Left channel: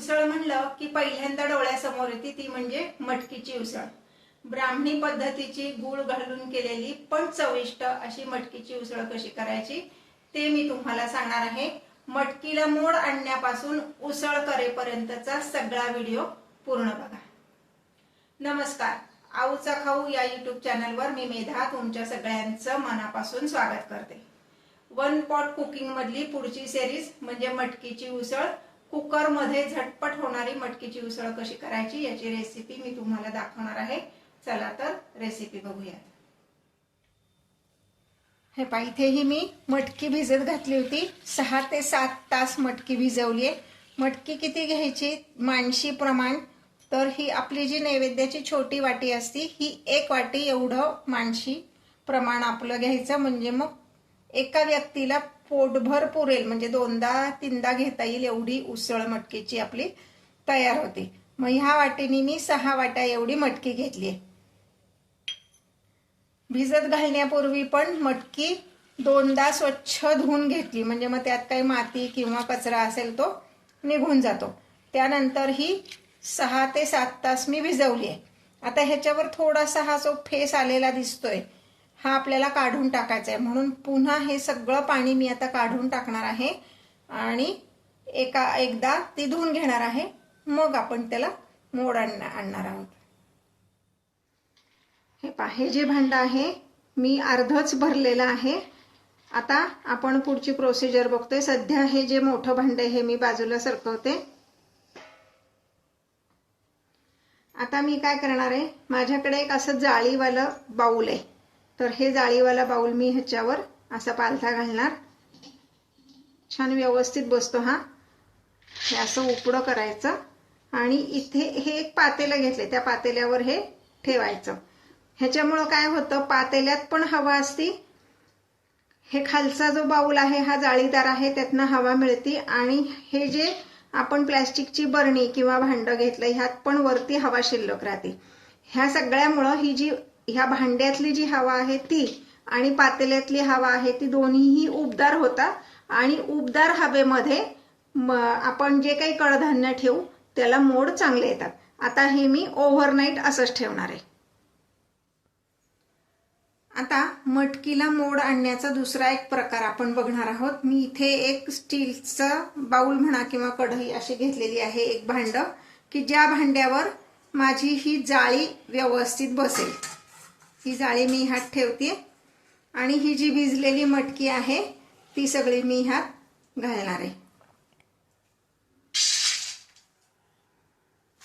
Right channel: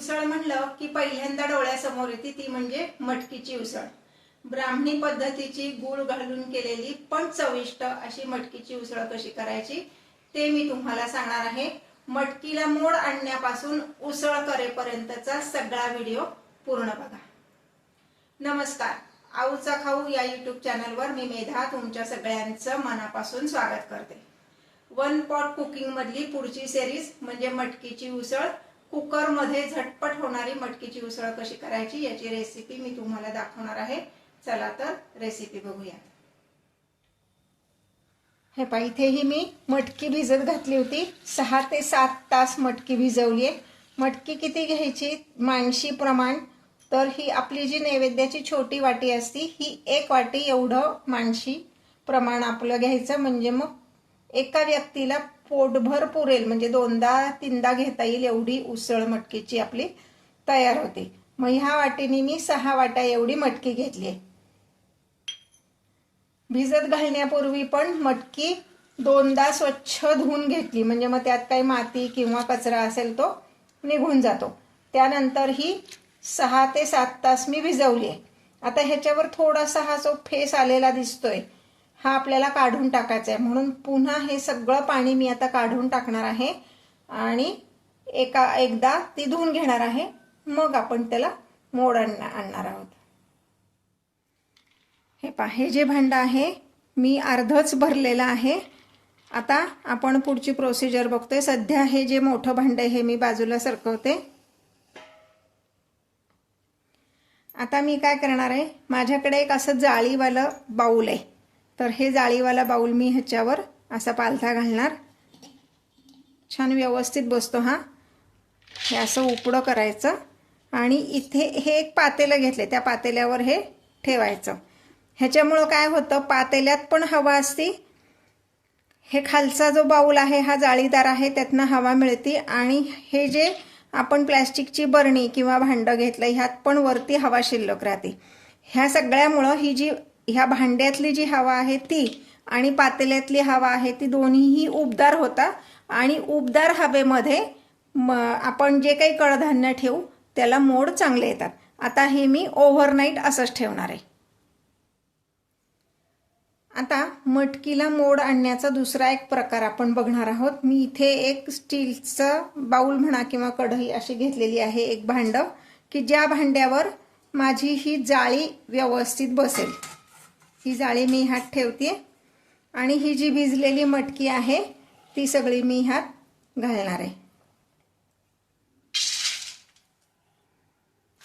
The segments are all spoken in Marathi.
उसळ म्हणलं की पहिल्यांदा डोळ्यासमोर येते ती म्हणजे मटकीची उसळ। ब्राह्मणी पद्धतीची गूळ घालून केलेली पण चविष्ट अशी मटकीची उसळ कशी करायची ते मी तुम्हाला सांगणार आहे। मटकीला मोड आणण्यापासून उसळ करेपर्यंतचा सगळा व्हिडिओ पूर्ण बघा। नमस्कार, आऊचा खाऊ या यूट्यूब चॅनलवर मी मेधा तुमच्या सगळ्यांचं मनापासून स्वागत करते। वन पॉट कुकिंग मधली पुढची सिरीज म्हणजे मटकीची उसळ। कुकर मध्ये झटपट होणारी मटकीची उसळ कशी करायची याची रेसिपी मी तुम्हाला दाखवणार आहे। चला तर रेसिपी बघूया। हे पहा, इथेही मी मटकी भिजत घातली होती। 6 ते 7 तास मटकी भिजवली आहे। मटकी किती घ्यायची माणशी प्रमाण, तर ही आपली जी नैवेद्याची छोटी वाटी असती ही 1 वाटी एवढं माणशी प्रमाण आपलं घ्यायचं, म्हणजे मग एका व्यक्तीला पोटभर पुरेल, म्हणजे 2दा-3दा घेता येईल एवढी उसळ मटकीची आपली तयार होते। मग ह्या वाटीने मी 6 वाट्या एवढी मटकी घेतली आहे। भिजत घालण्यापूर्वी पण मटकी 2दा स्वच्छ धुवून घेतली, म्हणजे मग त्यात काही माती किंवा कचरा असेल तो निघून जातो। त्यानंतर ही 6 ते 7 तास मी भिजवली आहे। आता ह्याच्यावर थोडासा हा जो फेस आलेला दिसतोय हा आपल्याला काढून टाकायचा आहे, म्हणून पुन्हा हे सगळं पाणी मी आता काढून टाकणार आहे आणि एकदा ती धुवून घेणार आहे। मग आपण त्याला मोड आणणार आहोत। हे पहा, हे जे भांड आहे मी अर्धच भरलेलं आहे। आता आपण पुढची प्रोसिजर बघतोय। सध्या हे जे मोठं भांड आहे हे मी बाजूला सरकवते। आता मी काय करणार आहे, माझ्याकडे एक असं जाळीवाला बाउल आहे, तर हे जाळीवाला बाउल मी ह्याच्यावर असा पालथा घालणार। छान व्यवस्थित बसतो हा। हे असं उपडं करायचं आणि इथे हे एक पातेलं घेतले, त्या पातेल्यावर हे ठेवायचं। ह्याच्यामुळं काय होतं, पातेल्यात पण हवा असती, हे खालचा जो बाउल आहे हा जाळीदार आहे त्यातनं हवा मिळते, आणि हे जे आपण प्लॅस्टिकची बरणी किंवा भांडं घेतलं ह्यात पण वरती हवा शिल्लक राहते। ह्या सगळ्यामुळं ही जी ह्या भांड्यातली जी हवा आहे ती आणि पातेल्यातली हवा आहे ती दोन्हीही उबदार होतात, आणि उबदार हवेमध्ये आपण जे काही कडधान्य ठेवू त्याला मोड चांगले येतात। आता हे मी ओव्हरनाईट असंच ठेवणार आहे। आता मटकीला मोड आणण्याचा दुसरा एक प्रकार आपण बघणार आहोत। मी इथे एक स्टीलचा बाउल म्हणा किंवा कढई अशी घेतलेली आहे, एक भांड, की ज्या भांड्यावर माझी ही जाळी व्यवस्थित बसेल। ही जाळी मी ह्यात ठेवते आणि ही जी भिजलेली मटकी आहे ती सगळी मी ह्यात घालणार आहे।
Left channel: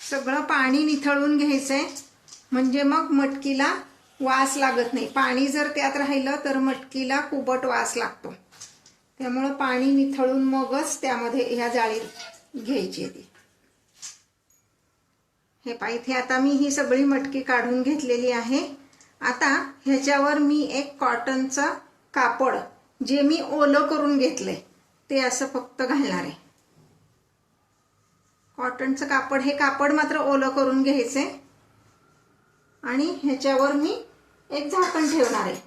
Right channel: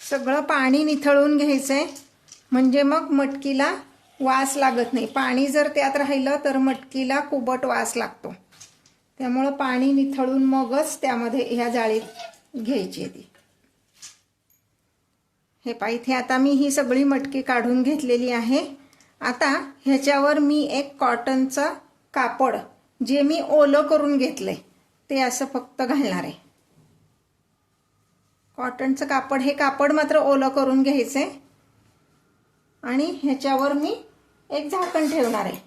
सगळं पाणी निथळून घ्यायचंय, म्हणजे मग मटकीला वास लागत नाही। पाणी जर त्यात राहिलं तर मटकीला कुबट वास लागतो, त्यामुळे पाणी निथळून मगच त्यामध्ये ह्या जाळीत घ्यायची ती। हे पहा, इथे आता मी ही सगळी मटकी काढून घेतलेली आहे। आता ह्याच्यावर मी एक कॉटनचा कापड, जे मी ओलं करून घेतलंय ते असं फक्त घालणार आहे। कॉटनचं कापड, हे कापड मात्र ओलं करून घ्यायचंय, आणि ह्याच्यावर मी एक झाकण ठेवणार आहे।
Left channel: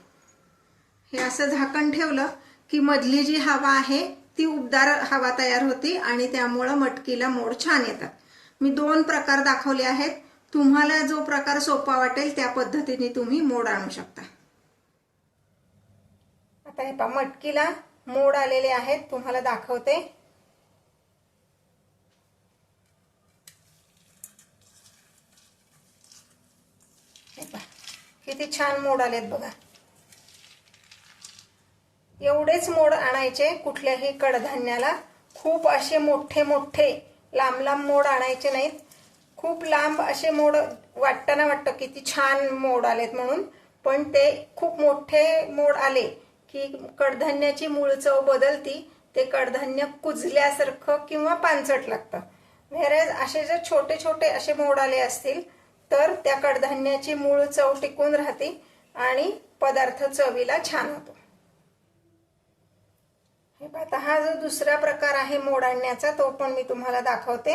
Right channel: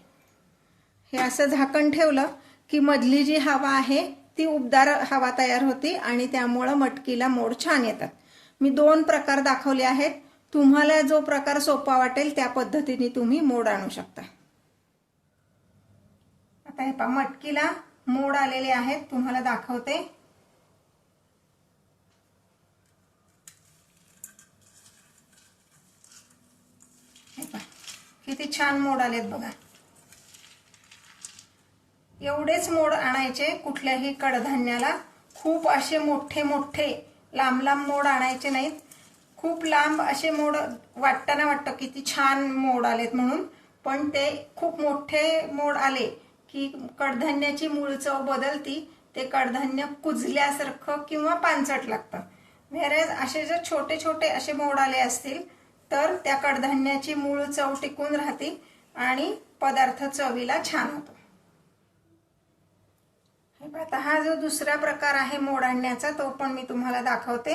हे असं झाकण ठेवलं की मधली जी हवा आहे ती उबदार हवा तयार होती आणि त्यामुळे मटकीला मोड छान येतात। मी 2 प्रकार दाखवले आहेत, तुम्हाला जो प्रकार सोपा वाटेल त्या पद्धतीने तुम्ही मोड आणू शकता। आता हे पहा, मटकीला मोड आलेले आहेत, तुम्हाला दाखवते। हे पहा, किती छान मोड आलेत बघा। एवढेच मोड आणायचे, कुठल्याही कडधान्याला खूप असे मोठे मोठे लांब लांब मोड आणायचे नाहीत। खूप लांब असे मोड वाटताना वाटतं किती छान मोड आलेत म्हणून, पण ते खूप मोठे मोड आले की कडधान्याची मूळ चव बदलती, ते कडधान्य कुजल्यासारखं किंवा पानसट लागतं। व्हेरेज असे जर छोटे छोटे असे मोड आले असतील तर त्या कडधान्याची मूळ चव टिकून राहते आणि पदार्थ चवीला छान होतो। आता हा जो दुसरा प्रकार आहे मोड आणण्याचा तो पण मी तुम्हाला दाखवते।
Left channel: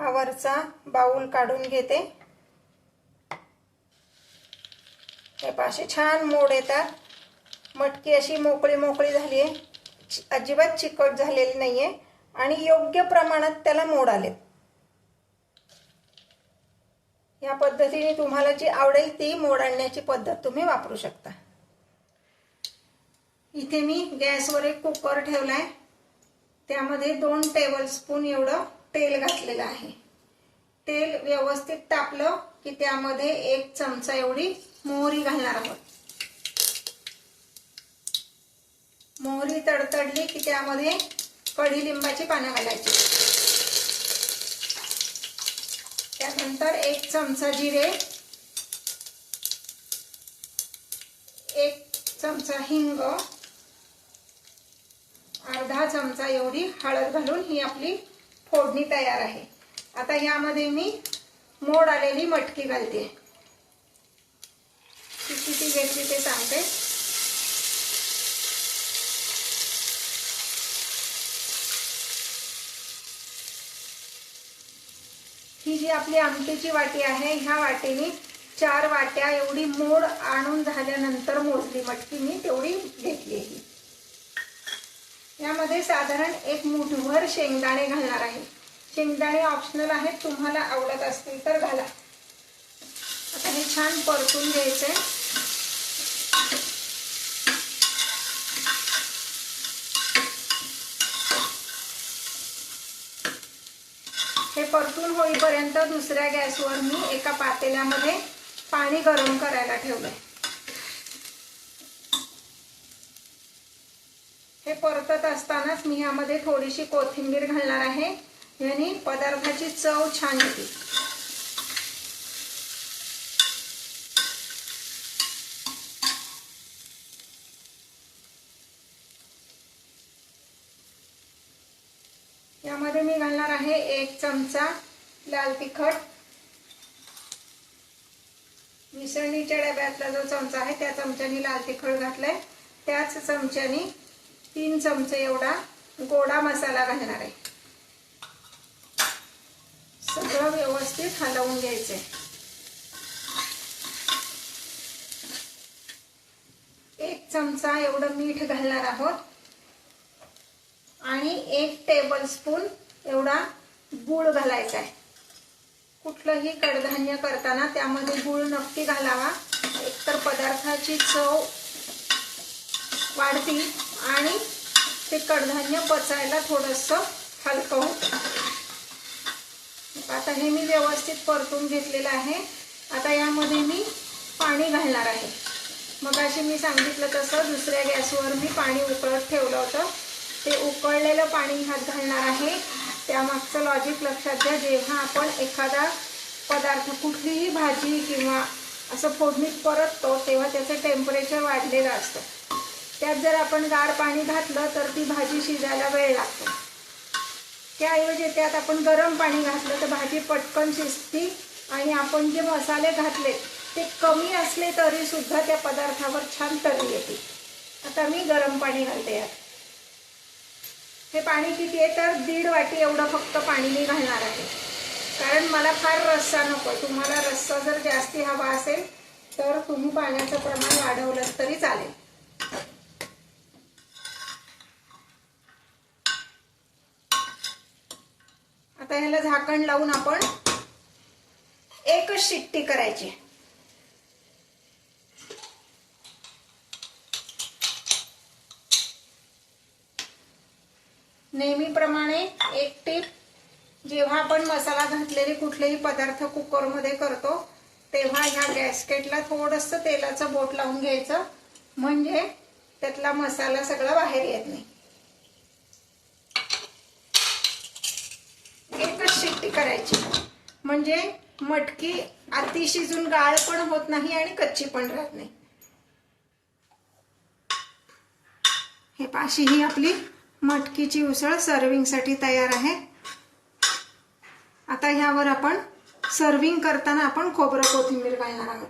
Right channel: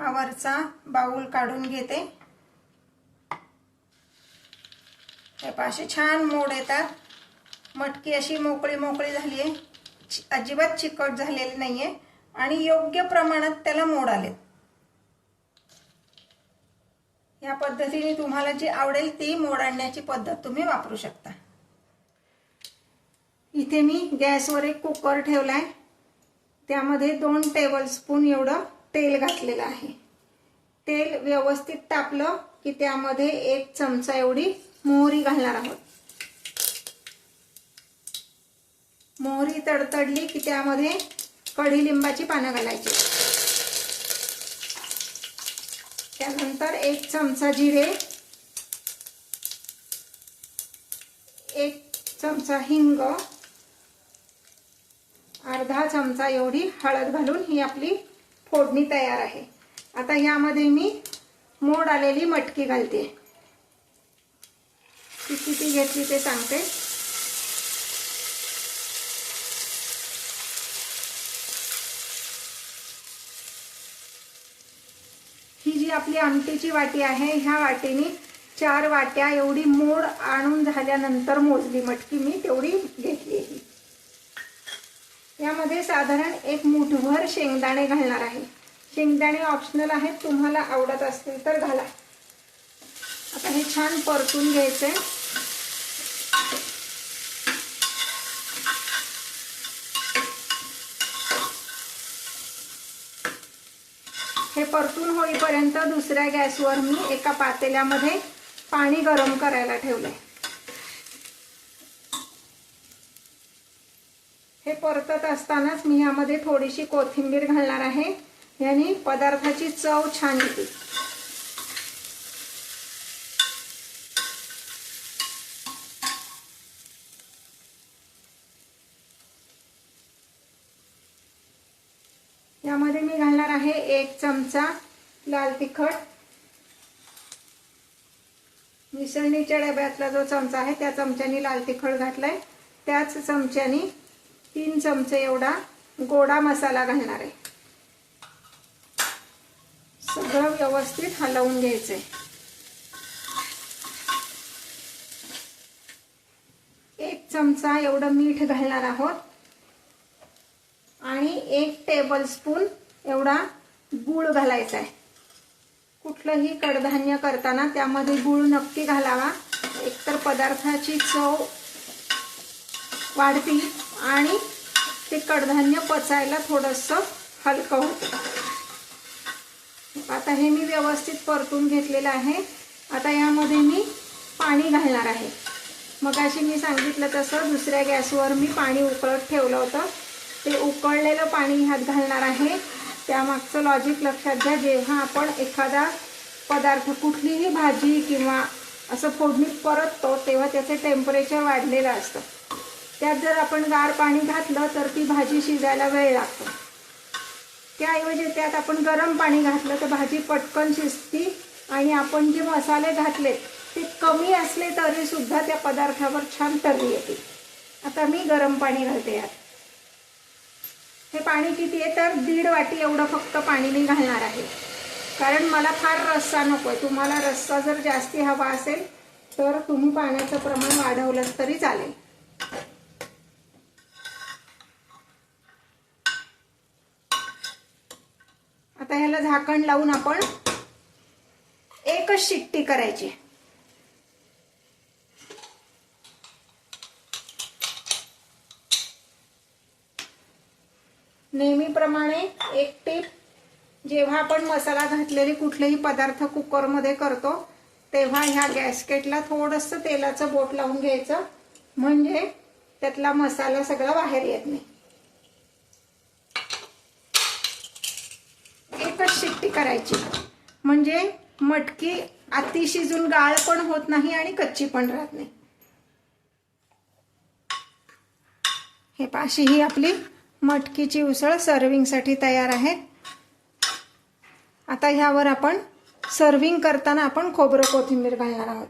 हा वरचा बाउल काढून घेते। हे पाशी छान मोड येतात। मटकी अशी मोकळी मोकळी झाली आहे, अजिबात चिकट झालेली नाहीये आणि योग्य प्रमाणात त्याला मोड आलेत। या पद्धतीने तुम्हाला जी आवडेल ती मोड आणण्याची पद्धत तुम्ही वापरू शकता। इथे मी गॅसवर एक कुकर ठेवलाय, त्यामध्ये 2 टेबलस्पून एवढं तेल घातलेलं आहे। तेल व्यवस्थित तापलं की त्यामध्ये 1 चमचा एवढी मोहरी घालणार आहोत। मोहरी तडतडली की त्यामध्ये कढीलिंबाची पानं घालायची। त्यानंतर 1 चमचा जिरे, 1 चमचा हिंग, अर्धा चमचा एवढी हळद घालून ही आपली फोडणी तयार आहे। आता यामध्ये मी मोड आलेली मटकी घालते। किती घेतली ते सांगते। ही जी आपली आमटीची वाटी आहे, ह्या वाटीने 4 वाट्या एवढी मोड आणून झाल्यानंतर मोजली मटकी मी तेवढी घेतली आहे। यामध्ये साधारण 1 मूठभर शेंगदाणे घालणार आहे। शेंगदाणे ऑप्शनल आहेत, तुम्हाला आवडत असतील तर घाला। आता हे छान परतून घ्यायचंय। हे परतून होईपर्यंत दुसऱ्या गॅसवर मी एका पातेल्यामध्ये पाणी गरम करायला ठेवलंय। हे परतत असतानाच मी यामध्ये थोडीशी कोथिंबीर घालणार आहे, याने पदार्थाची चव छान येते। यामध्ये मी घालणार आहे 1 चमचा लाल तिखट। मिसळणीच्या डब्यातला जो चमचा आहे त्या चमच्याने लाल तिखट घातलंय। त्याच चमच्याने 3 चमचे एवढा गोडा मसाला घालणार आहे। सगळं व्यवस्थित हलवून घ्यायचंय। एक चमचा एवढं मीठ घालणार आहोत आणि 1 टेबलस्पून एवढा गूळ घालायचा आहे। कुठलंही कडधान्य करताना त्यामध्ये गूळ नक्की घालावा, एकतर पदार्थाची चव वाढती आणि ते कडधान्य पचायला थोडंसं हलकं होतं। आता हे मी व्यवस्थित परतून घेतलेलं आहे। आता यामध्ये मी पाणी घालणार आहे। मगाशी मी सांगितलं तसं दुसऱ्या गॅसवर मी पाणी उकळत ठेवलं होतं, ते उकळलेलं पाणी ह्यात घालणार आहे। त्यामागचं लॉजिक लक्षात घ्या, जेव्हा आपण एखादा पदार्थ कुठलीही भाजी किंवा असं फोडणीत परततो तेव्हा त्याचं टेम्परेचर वाढलेलं असतं। त्यात जर आपण गार पाणी घातलं तर ती भाजी शिजायला वेळ लागतो। त्याऐवजी त्यात आपण गरम पाणी घातलं तर भाजी पटकन शिजती आणि आपण जे मसाले घातले ते कमी असले तरी सुद्धा त्या पदार्थावर छान तर्री येते। आता मी गरम पाणी घालते यात। हे पाणी किती आहे तर 1.5 वाटी एवढं फक्त पाणी मी घालणार आहे, कारण मला फार रस्सा नको। तुम्हाला रस्सा जर जास्ती हवा असेल तर तुम्ही पाण्याचं प्रमाण वाढवलं तरी चालेल। आता ह्याला झाकण लावून आपण 1च शिट्टी करायची। नेहमीप्रमाणे एक टीप, जेव्हा आपण मसाला घातलेले कुठलेही पदार्थ कुकरमध्ये करतो तेव्हा ह्या गॅसकेटला थोडंसं तेलाचं बोट लावून घ्यायचं, म्हणजे त्यातला मसाला सगळा बाहेर येत नाही। एकच शिट्टी करायची, म्हणजे मटकी अति शिजून गाळ पण होत नाही आणि कच्ची पण राहत नाही। हे पाशी ही आपली मटकीची उसळ सर्विंगसाठी तयार आहे। आता ह्यावर आपण सर्विंग करताना आपण खोबरं कोथिंबीर घालणार आहोत।